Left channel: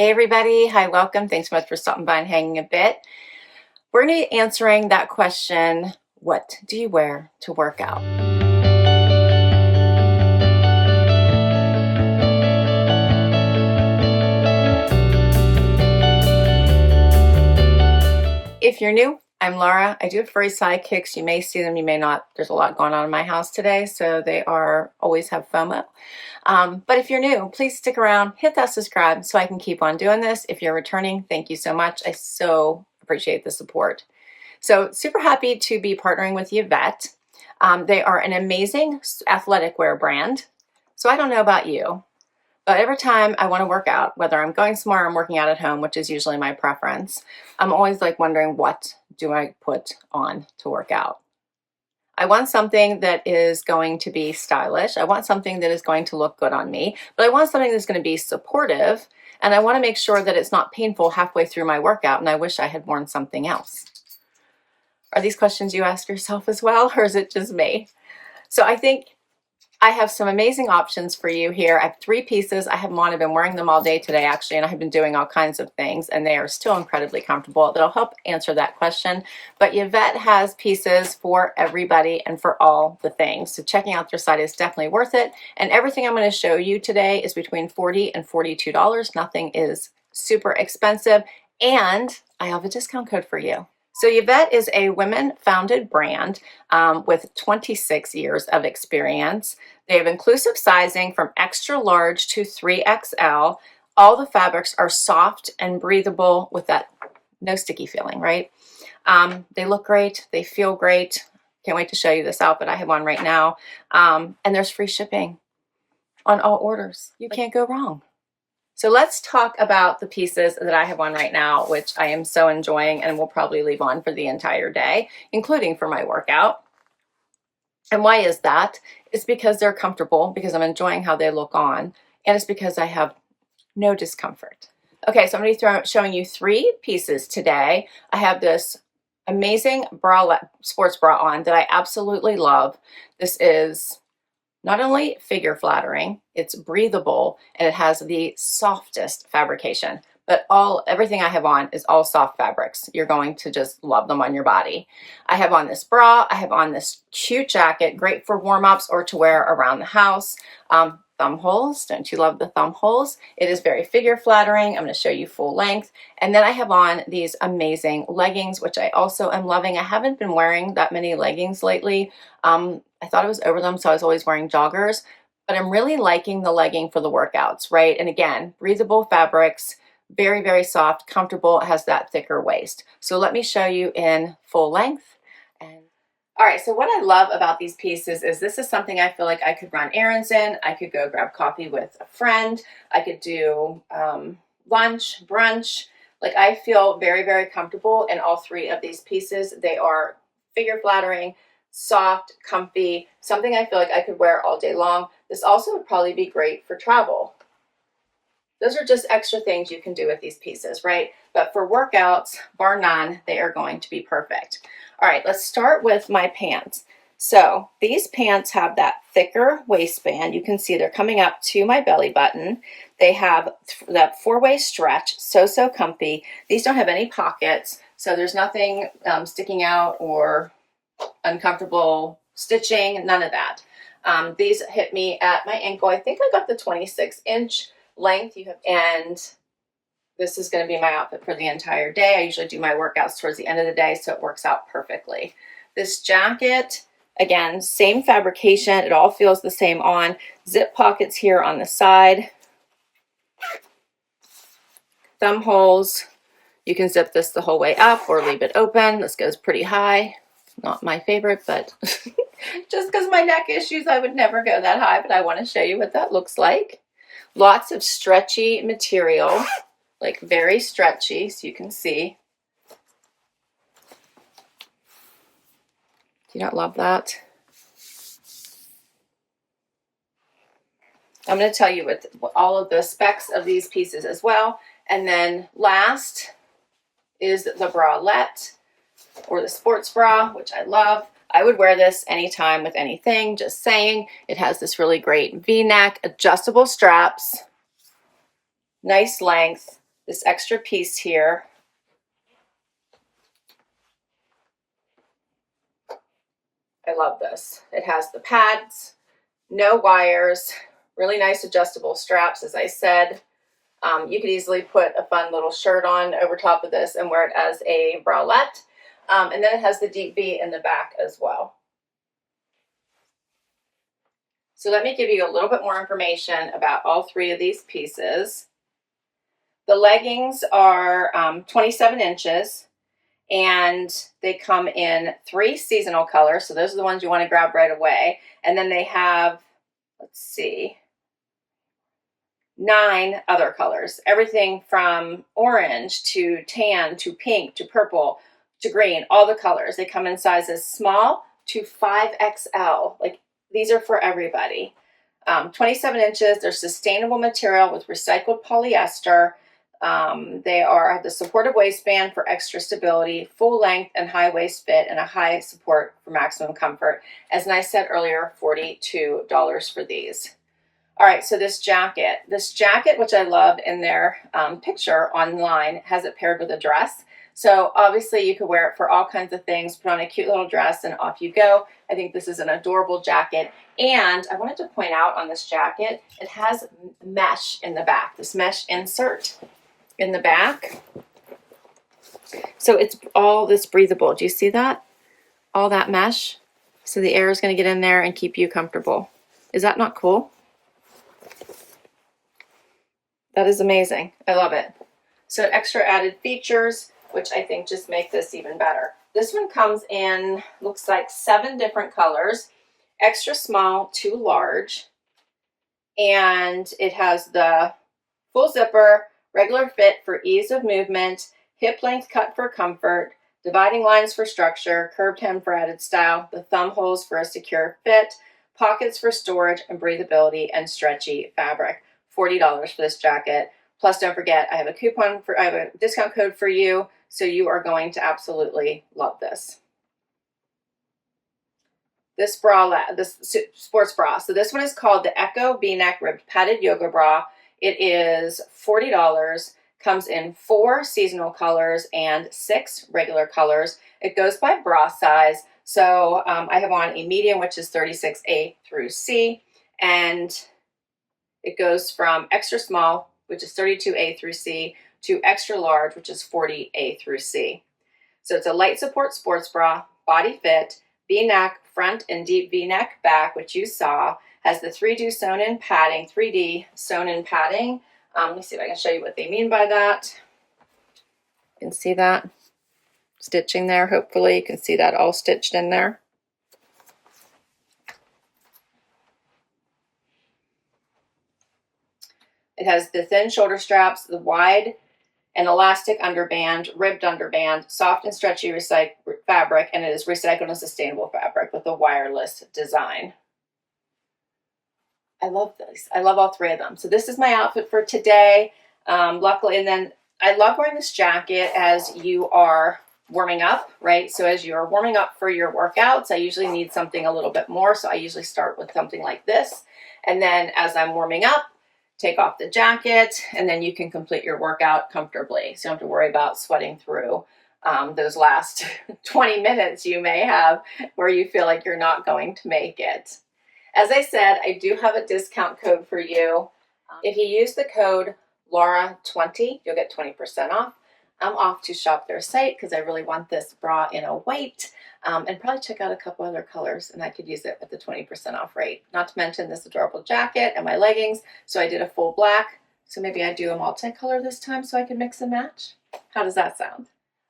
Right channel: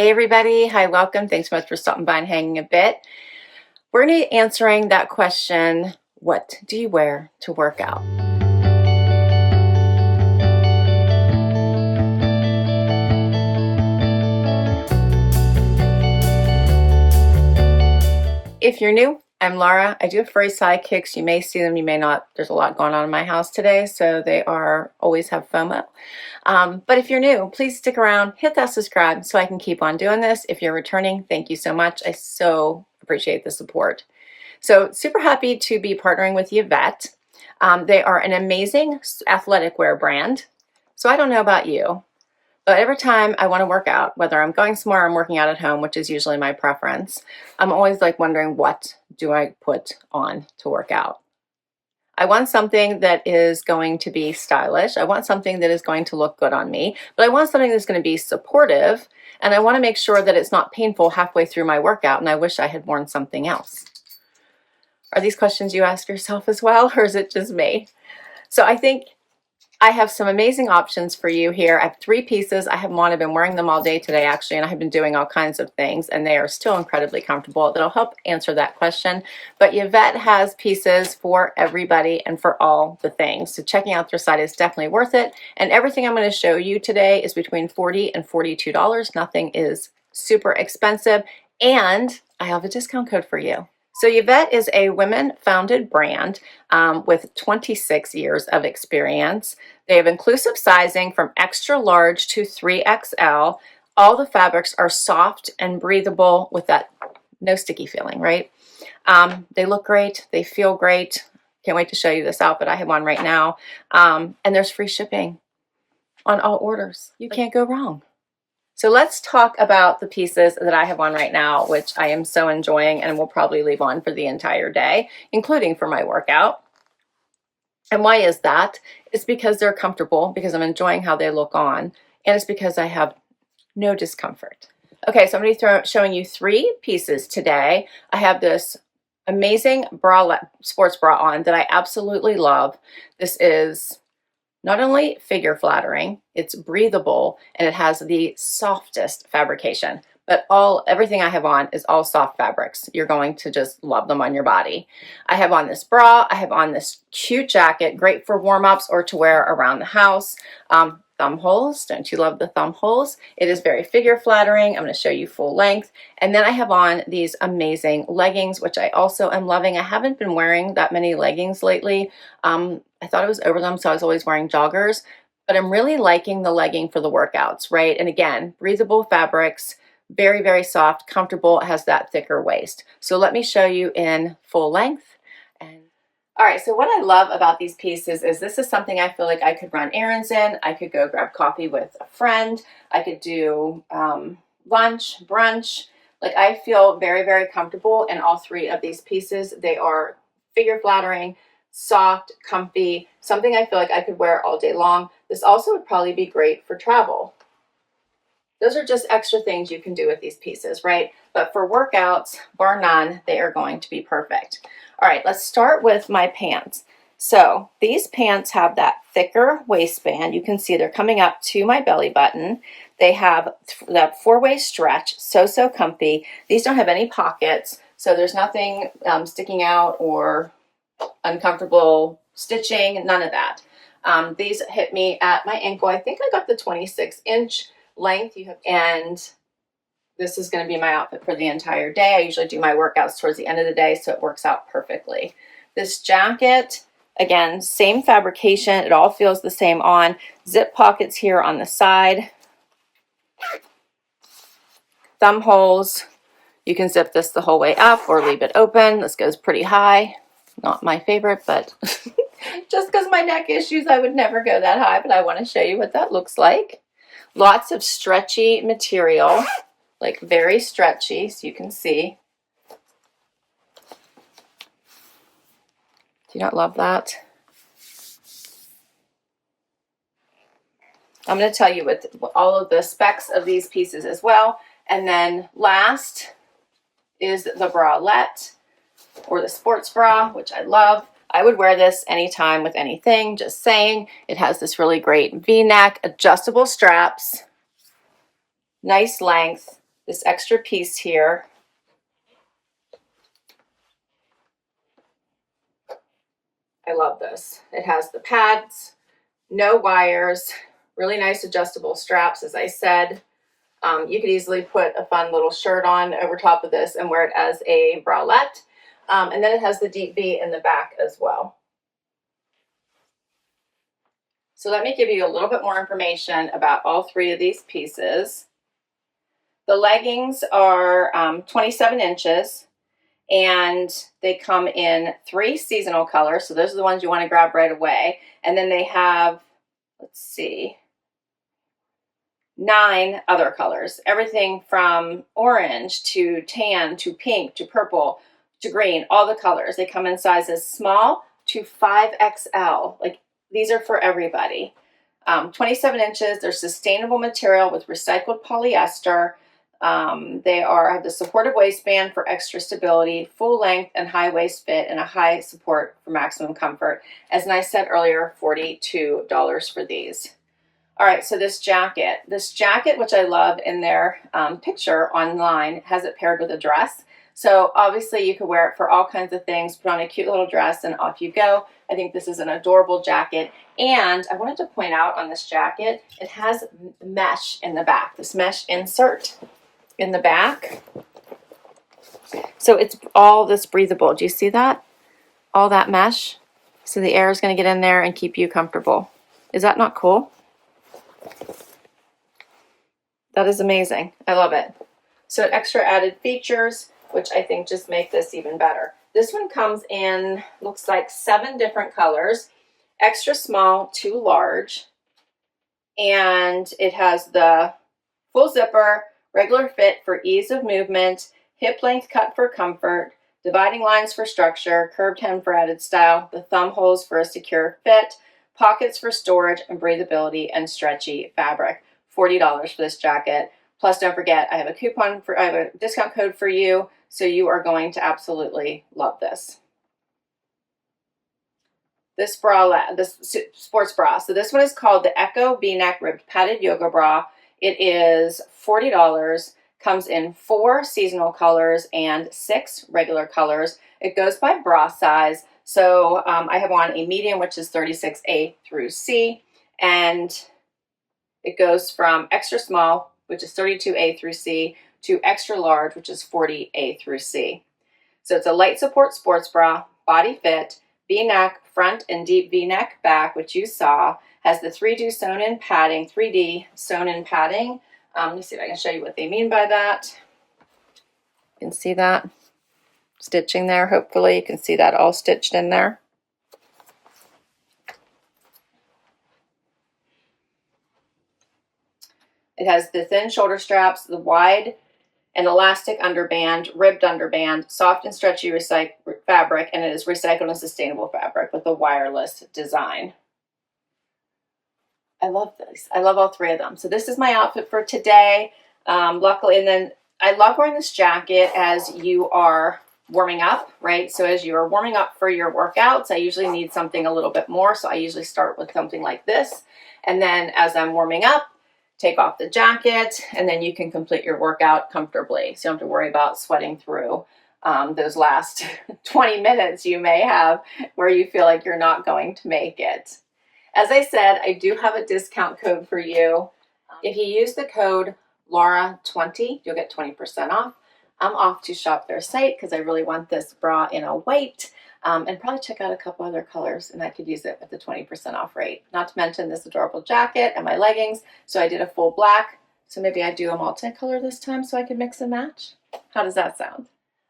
Hey everybody, hi, welcome. Thanks so much for stopping by and hanging a bit. We're going to be answering that question, what do you wear to work out? If you're new, I'm Laura. I do have furry sidekicks. You may see them, you may not. There's a lot going on in my house today, so they always have FOMO. But if you're new, please stick around, hit that subscribe so I can keep on doing this. If you're returning, thank you so much. I so appreciate the support. So super happy to be partnering with Yvette. They are an amazing athletic wear brand. So I don't know about you, but every time I want to work out, whether I'm going somewhere or I'm working out at home, which is usually my preference, I'm always like wondering, what do I put on to work out? I want something that is going to be stylish. I want something that is going to look good on me, but I want something that's going to be supportive, and I want to make sure that it's not painful halfway through my workout and I wish I had worn something else. Are these questions you ask yourself as well, or is it just me? So I think I have some amazing options for you here. I have 3 pieces. I have them on. I've been wearing them all day today, actually, and I have been doing all kinds of things, and they are still incredibly comfortable. That'll help answer that question. But Yvette has pieces for everybody and for all the things. So checking out their site is definitely worth it. And everything I'm going to show you today is between $40 and $42. Nothing is super expensive. And I have a discount code for you. So Yvette is a women-founded brand with 26 years of experience. They have inclusive sizing from extra large to 3XL. All the fabrics are soft and breathable with that no sticky feeling, right? They look great. They feel great. Can't wait to show you this outfit I have on right now. And there's free shipping on all orders. You can't go wrong. So let's talk about the pieces that I have on right now, which I am so enjoying and will probably leave on for the entire day, including for my workout. And why is that? It's because they're comfortable, because I'm enjoying how they look on, and it's because I have no discomfort. Okay, so I'm going to be showing you 3 pieces today. I have this amazing sports bra on that I absolutely love. This is not only figure flattering, it's breathable, and it has the softest fabrication. But everything I have on is all soft fabrics. You're going to just love them on your body. I have on this bra. I have on this cute jacket, great for warm-ups or to wear around the house. Thumb holes. Don't you love the thumb holes? It is very figure flattering. I'm going to show you full length. And then I have on these amazing leggings, which I also am loving. I haven't been wearing that many leggings lately. I thought I was over them, so I was always wearing joggers. But I'm really liking the legging for the workouts, right? And again, breathable fabrics, very, very soft, comfortable. It has that thicker waist. So let me show you in full length. All right, so what I love about these pieces is this is something I feel like I could run errands in. I could go grab coffee with a friend. I could do lunch, brunch. Like, I feel very, very comfortable in all 3 of these pieces. They are figure flattering, soft, comfy, something I feel like I could wear all day long. This also would probably be great for travel. Those are just extra things you can do with these pieces, right? But for workouts, bar none, they are going to be perfect. All right, let's start with my pants. So these pants have that thicker waistband. You can see they're coming up to my belly button. They have that 4-way stretch, so comfy. These don't have any pockets, so there's nothing sticking out or uncomfortable stitching, none of that. These hit me at my ankle. I think I got the 26-inch length, and this is going to be my outfit for the entire day. I usually do my workouts towards the end of the day, so it works out perfectly. This jacket, again, same fabrication. It all feels the same on. Zip pockets here on the side. Thumb holes. You can zip this the whole way up or leave it open. This goes pretty high. Not my favorite, but just because of my neck issues, I would never go that high, but I want to show you what that looks like. Lots of stretchy material, like very stretchy, so you can see. Do you not love that? I'm going to tell you what all of the specs of these pieces as well. And then last is the bralette, or the sports bra, which I love. I would wear this anytime with anything, just saying. It has this really great V-neck, adjustable straps, nice length, this extra piece here. I love this. It has the pads, no wires, really nice adjustable straps, as I said. You could easily put a fun little shirt on over top of this and wear it as a bralette. And then it has the deep V in the back as well. So let me give you a little bit more information about all three of these pieces. The leggings are 27 inches. And they come in 3 seasonal colors. So those are the ones you want to grab right away. And then they have, let's see, 9 other colors. Everything from orange to tan to pink to purple to green, all the colors. They come in sizes small to 5XL. Like, these are for everybody. 27 inches. They're sustainable material with recycled polyester. They have the supportive waistband for extra stability, full length and high waist fit, and a high support for maximum comfort. As I said earlier, $42 for these. All right, so this jacket, which I love in their picture online, has it paired with a dress. So obviously you could wear it for all kinds of things, put on a cute little dress and off you go. I think this is an adorable jacket. And I wanted to point out on this jacket, it has mesh in the back, this mesh insert in the back. So it's all this breathable. Do you see that? All that mesh. So the air is going to get in there and keep you comfortable. Is that not cool? That is amazing. I love it. So extra added features, which I think just make this even better. This one comes in, looks like 7 different colors, extra small to large. And it has the full zipper, regular fit for ease of movement, hip length cut for comfort, dividing lines for structure, curved hem for added style, the thumb holes for a secure fit, pockets for storage and breathability, and stretchy fabric. $40 for this jacket. Plus, don't forget, I have a discount code for you, so you are going to absolutely love this. This bralette, this sports bra. So this one is called the Echo V-neck ribbed padded yoga bra. It is $40, comes in 4 seasonal colors and 6 regular colors. It goes by bra size. So I have on a medium, which is 36A through C, and it goes from extra small, which is 32A through C, to extra large, which is 40A through C. So it's a light support sports bra, body fit, V-neck front and deep V-neck back, which you saw. Has the 3D sewn-in padding, 3D sewn-in padding. Let me see if I can show you what they mean by that. You can see that stitching there. Hopefully you can see that all stitched in there. It has the thin shoulder straps, the wide and elastic underband, ribbed underband, soft and stretchy fabric, and it is recycled and sustainable fabric with a wireless design. I love this. I love all 3 of them. So this is my outfit for today. Luckily, and then I love wearing this jacket as you are warming up, right? So as you're warming up for your workouts, I usually need something a little bit more. So I usually start with something like this. And then as I'm warming up, take off the jacket, and then you can complete your workout comfortably. So you don't have to worry about sweating through those last 20 minutes you may have where you feel like you're not going to make it. As I said, I do have a discount code for you. If you use the code Laura20, you'll get 20% off. I'm off to shop their site because I really want this bra in a white, and probably check out a couple other colors, and I could use it at the 20% off rate. Not to mention this adorable jacket and my leggings. So I did a full black. So maybe I do a multicolor this time so I can mix and match. How does that sound?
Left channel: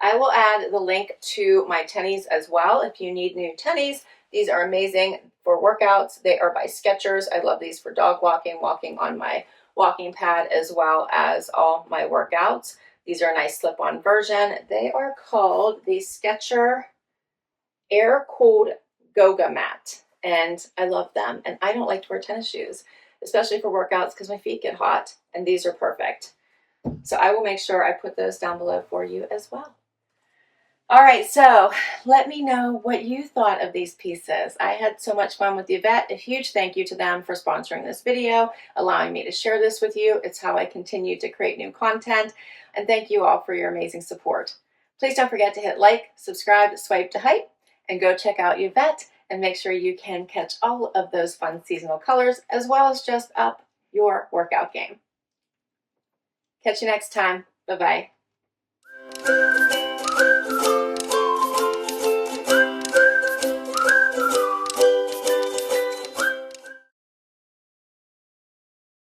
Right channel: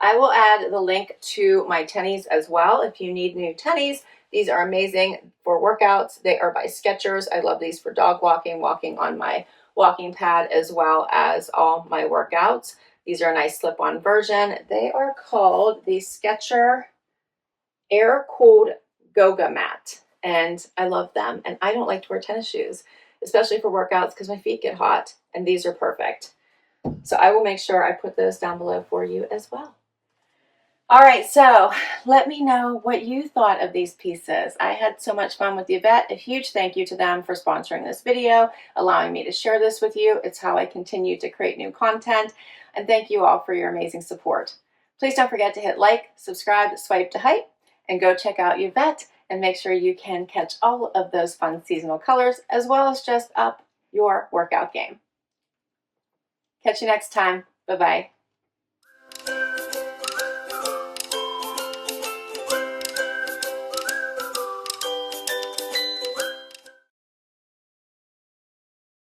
I will add the link to my tennies as well if you need new tennies. These are amazing for workouts. They are by Skechers. I love these for dog walking on my walking pad, as well as all my workouts. These are a nice slip-on version. They are called the Skechers Air-Cooled Goga Mat, and I love them. And I don't like to wear tennis shoes, especially for workouts, because my feet get hot, and these are perfect. So I will make sure I put those down below for you as well. All right, so let me know what you thought of these pieces. I had so much fun with Yvette. A huge thank you to them for sponsoring this video, allowing me to share this with you. It's how I continue to create new content. and thank you all for your amazing support. Please don't forget to hit like, subscribe, swipe to hype, and go check out Yvette and make sure you can catch all of those fun seasonal colors as well as just up your workout game. Catch you next time. Bye-bye.